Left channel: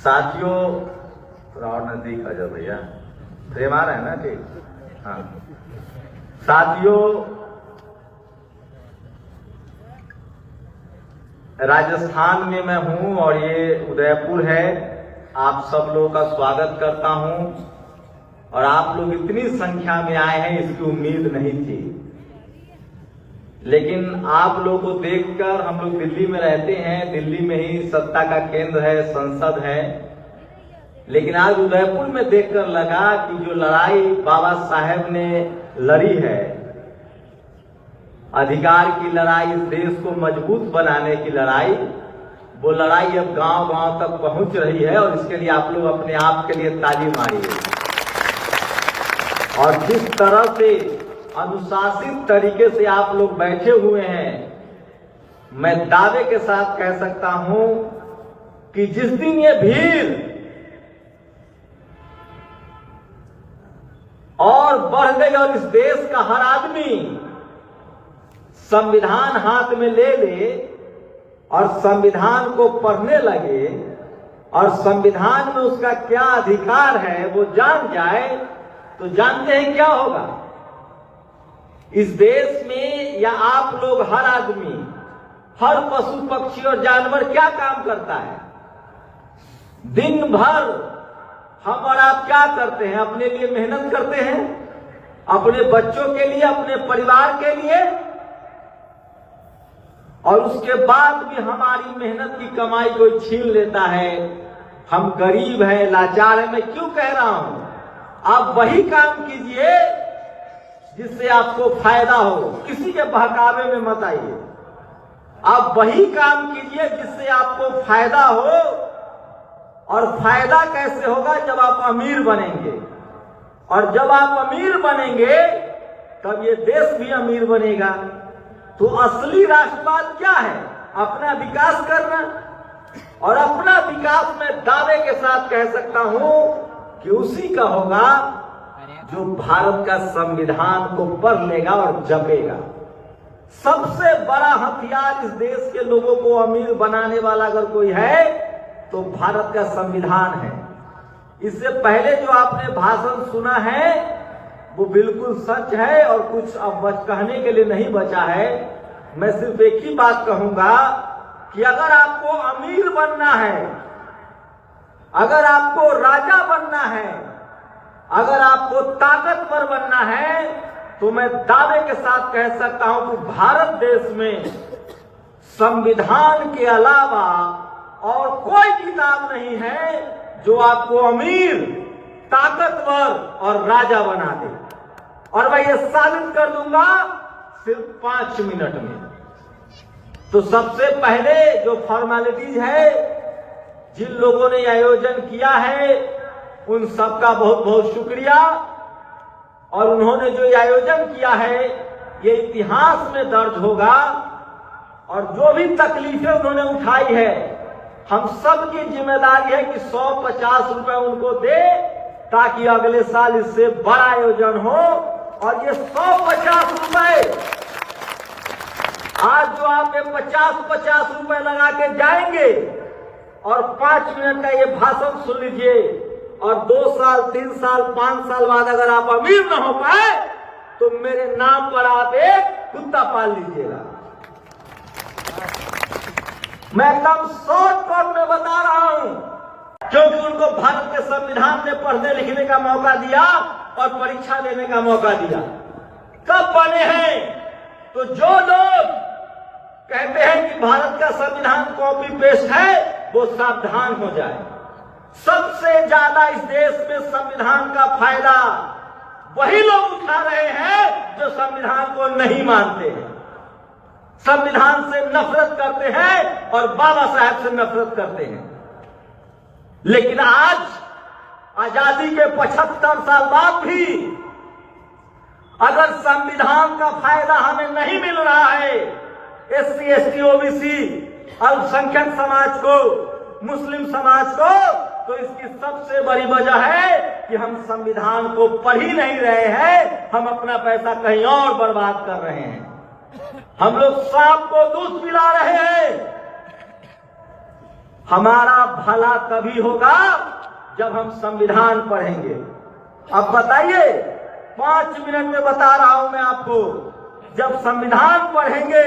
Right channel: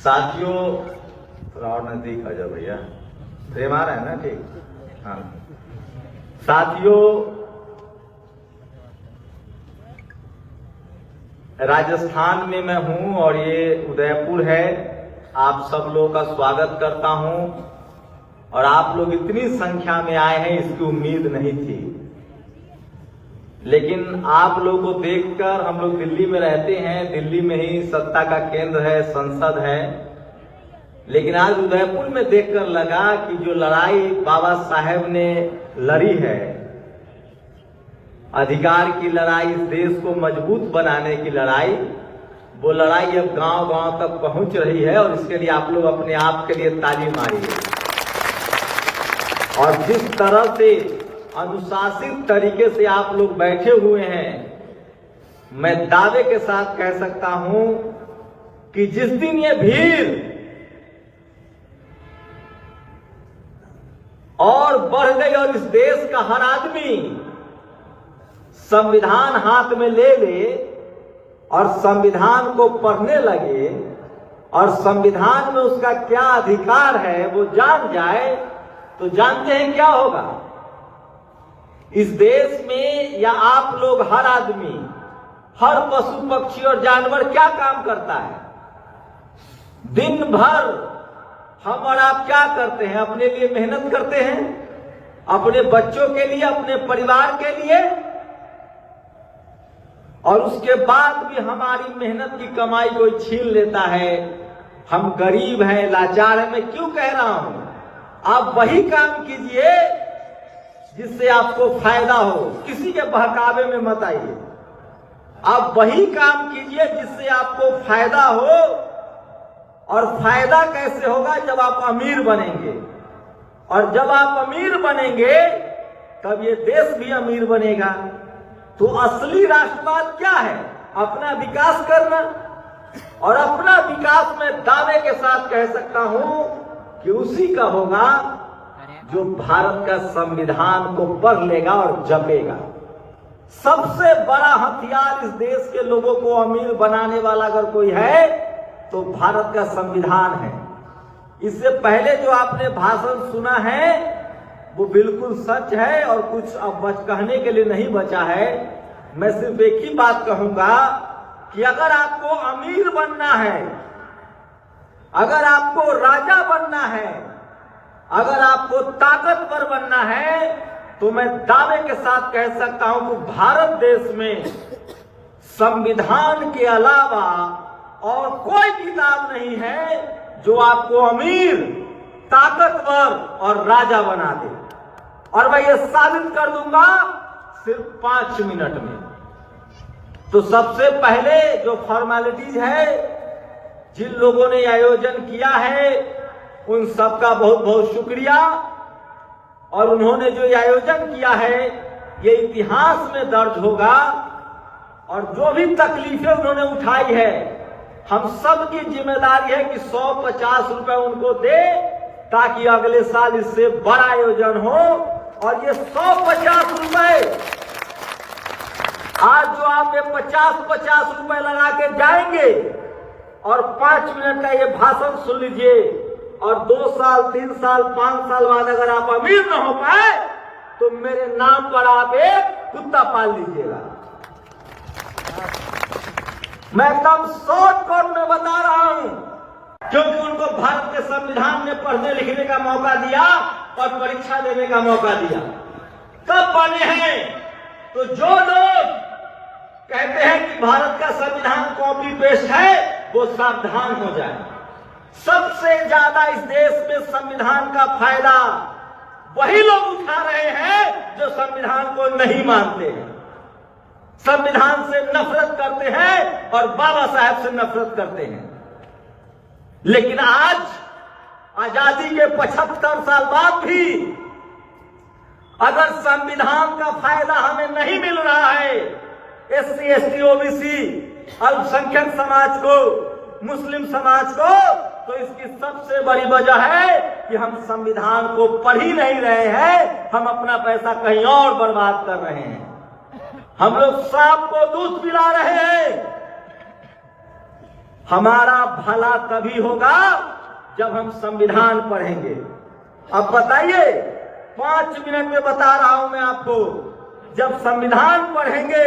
साथियों, थोड़ा और नजदीक आ जाओ भैया, फ्रेम आ रहा है ना? ठीक। हाँ साथियों, राजस्थान में मैं हूं और ये उदयपुर है। आप सब लोगों का स्वागत करता हूं और आप लोग इतनी संख्या में आए हैं इसकी उम्मीद नहीं थी, लेकिन आप लोगों को देखकर, हम लोग दिल्ली में रहते हैं, दिल्ली में ही सत्ता का केंद्र है, संसद है, लेकिन आज उदयपुर में देखकर लगा कि जो लड़ाई बाबा साहेब ने लड़ी है, अधिकार की लड़ाई, इस देश को मजबूत बनाने की लड़ाई, वो लड़ाई अब गांव-गांव तक पहुंच रही है और इसके लिए आप लोग अपने आप के लिए ताली मारिए। और जिस तरह से अनुशासित तरीके से आप लोग बैठे हुए हैं, मैं दावे के साथ कह सकता हूं कि जिस दिन ये भीड़ और बढ़ गई और इस देश का हर आदमी संविधान हाथ में ले ले और संविधान को पढ़ने लगे और संविधान में उसका क्या अधिकार है वो जान जाए, तो जानते हैं क्या होगा? इस देश में या आप लोग, हर आदमी, हर पशु पक्षी और जानवर क्या काम करता है? दिन भर हम और आप क्या करते हैं? अपने लिए मेहनत करते हैं, अपने बच्चों के लिए, अपने परिवार के लिए, और उसके बाद भी हमारी मेहनत की कमाई कोई छीन लेता है। हम गरीब हैं, लाचार हैं। मैं क्यों कह रहा हूं? आप वही काम कीजिए जिससे आपको फायदा हो, किसी के बहकावे में मत आइए। आप वही काम कीजिए जिससे आपको फायदा हो, और फायदा कैसे होगा? जब आप अमीर बनेंगे, और जब आप अमीर बनेंगे तब ये देश भी अमीर बनेगा। तो असली राष्ट्रवाद क्या है? अपना विकास करना, और अपना विकास में दावे के साथ कह सकता हूं कि उसी का होगा जो भारत का संविधान को पढ़ लेगा और जपेगा। सबसे बड़ा हथियार इस देश के लोगों को अमीर बनाने वाला अगर कोई है तो भारत का संविधान है। इससे पहले जो आपने भाषण सुना है वो बिल्कुल सच है और कुछ अब कहने के लिए नहीं बचा है। मैं सिर्फ एक ही बात कहूंगा कि अगर आपको अमीर बनना है, अगर आपको राजा बनना है, अगर आपको ताकतवर बनना है, तो मैं दावे के साथ कह सकता हूं कि भारत देश में संविधान के अलावा और कोई किताब नहीं है जो आपको अमीर, ताकतवर और राजा बना दे। और मैं ये साबित कर दूंगा सिर्फ 5 मिनट में। तो सबसे पहले जो फॉर्मेलिटीज है, जिन लोगों ने आयोजन किया है उन सबका बहुत बहुत शुक्रिया। और उन्होंने जो आयोजन किया है ये इतिहास में दर्ज होगा, और जो भी तकलीफें उन्होंने उठाई है, हम सब की जिम्मेदारी है कि 150 रुपए उनको दे, ताकि अगले साल इससे बड़ा आयोजन हो। और ये 150 रुपए आज जो आप ये 50-50 रुपए लगा के जाएंगे और 5 मिनट का ये भाषण सुन लीजिए, और 2 साल, 3 साल, 5 साल बाद अगर आप अमीर न हो पाए तो मेरे नाम पर आप एक कुत्ता पाल लीजिएगा। मैं एकदम शॉर्टकट में बता रहा हूं, क्योंकि उनको भारत के संविधान में पढ़ने लिखने का मौका दिया और परीक्षा देने का मौका दिया। कब बने हैं? तो जो लोग कहते हैं कि भारत का संविधान कॉपी पेस्ट है, वो सावधान हो जाए। सबसे ज्यादा इस देश में संविधान का फायदा वही लोग उठा रहे हैं जो संविधान को नहीं मानते हैं, संविधान से नफरत करते हैं और बाबा साहेब से नफरत करते हैं। लेकिन आज आजादी के 75 साल बाद भी अगर संविधान का फायदा हमें नहीं मिल रहा है, SC, ST, OBC, अल्पसंख्यक समाज को, मुस्लिम समाज को, तो इसकी सबसे बड़ी वजह है कि हम संविधान को पढ़ ही नहीं रहे हैं, हम अपना पैसा कहीं और बर्बाद कर रहे हैं। हम लोग सांप को दूध पिला रहे हैं, हमारा भला तभी होगा जब हम संविधान पढ़ेंगे। अब बताइए, 5 मिनट में बता रहा हूं मैं आपको, जब संविधान पढ़ेंगे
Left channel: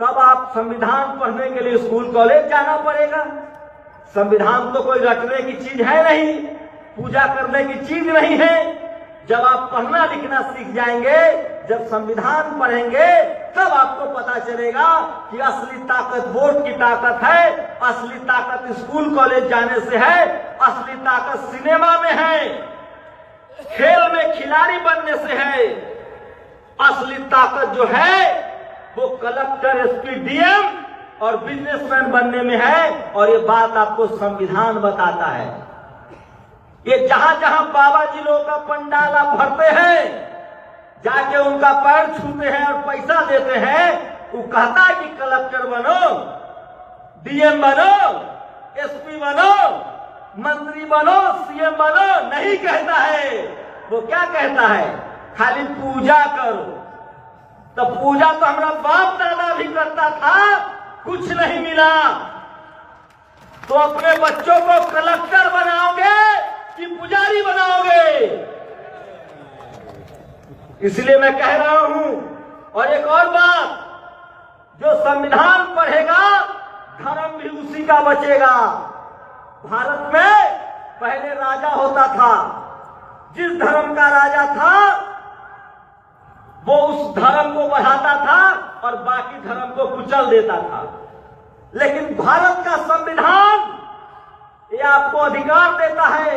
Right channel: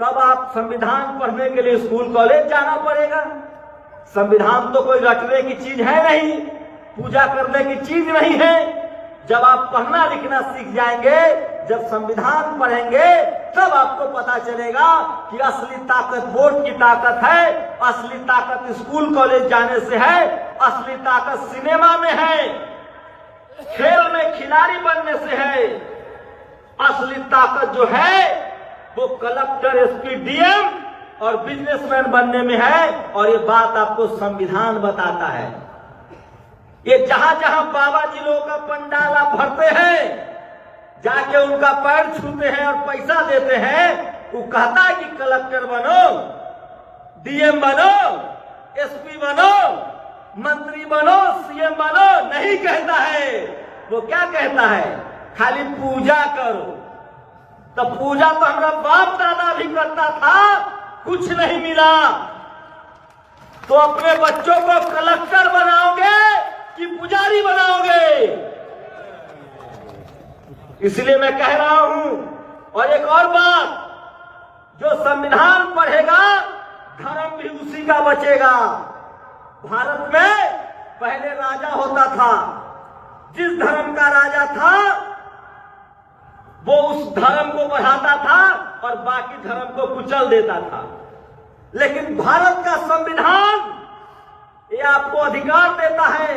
तब आप संविधान पढ़ने के लिए स्कूल कॉलेज जाना पड़ेगा। संविधान तो कोई रटने की चीज है नहीं, पूजा करने की चीज नहीं है। जब आप पढ़ना लिखना सीख जाएंगे, जब संविधान पढ़ेंगे, तब आपको पता चलेगा कि असली ताकत वोट की ताकत है, असली ताकत स्कूल कॉलेज जाने से है, असली ताकत सिनेमा में है, खेल में खिलाड़ी बनने से है। असली ताकत जो है वो कलेक्टर, एसपी, डीएम और बिजनेसमैन बनने में है। और ये बात आपको संविधान बताता है। ये जहां जहां बाबा जी लोगों का पंडाल आप भरते हैं, जाके उनका पैर छूते हैं और पैसा देते हैं, वो कहता है कि कलेक्टर बनो, डीएम बनो, एसपी बनो, मंत्री बनो, सीएम बनो, नहीं कहता है। वो क्या कहता है? खाली पूजा करो। तो पूजा तो हमारा बाप दादा भी करता था, कुछ नहीं मिला। तो अपने बच्चों को कलेक्टर बनाओगे कि पुजारी बनाओगे? इसलिए मैं कह रहा हूं। और एक और बात, जो संविधान पढ़ेगा धर्म भी उसी का बचेगा। भारत में पहले राजा होता था, जिस धर्म का राजा था वो उस धर्म को बढ़ाता था और बाकी धर्म को कुचल देता था। लेकिन भारत का संविधान ये आपको अधिकार देता है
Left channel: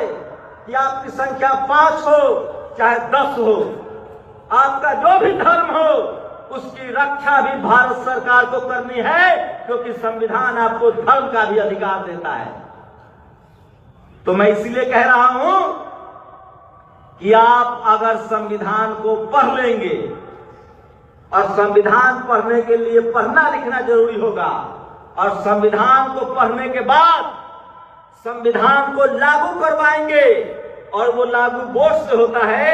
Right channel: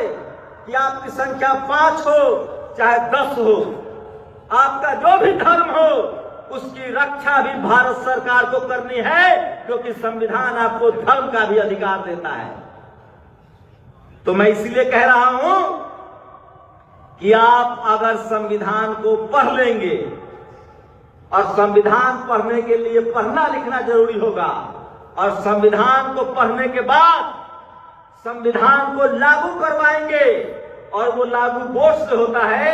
कि आपकी संख्या 5 हो चाहे 10 हो, आपका जो भी धर्म हो उसकी रक्षा भी भारत सरकार को करनी है, क्योंकि संविधान आपको धर्म का भी अधिकार देता है। तो मैं इसलिए कह रहा हूं कि आप अगर संविधान को पढ़ लेंगे, और संविधान पढ़ने के लिए पढ़ना लिखना जरूरी होगा, और संविधान को पढ़ने के बाद संविधान को लागू करवाएंगे, और वो लागू वोट से होता है,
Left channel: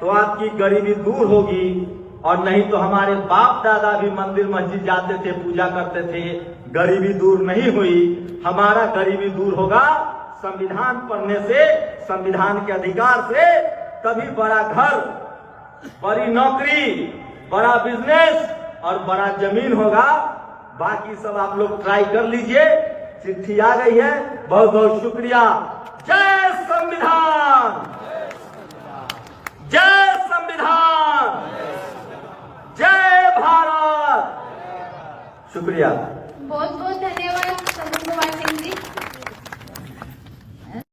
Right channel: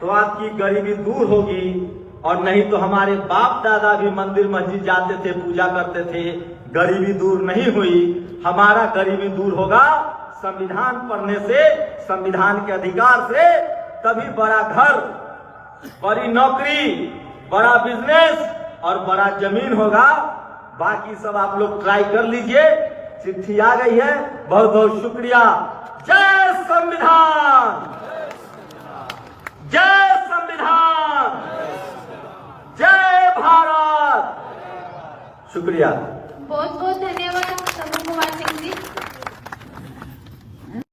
तो आपकी गरीबी दूर होगी। और नहीं तो हमारे बाप दादा भी मंदिर मस्जिद जाते थे, पूजा करते थे, गरीबी दूर नहीं हुई। हमारा गरीबी दूर होगा संविधान पढ़ने से, संविधान के अधिकार से। तभी बड़ा घर, बड़ी नौकरी, बड़ा बिजनेस और बड़ा जमीन होगा। बाकी सब आप लोग ट्राई कर लीजिए। चिट्ठी आ गई है, बहुत बहुत शुक्रिया। जय संविधान, जय संविधान, जय भारत। शुक्रिया। बहुत बहुत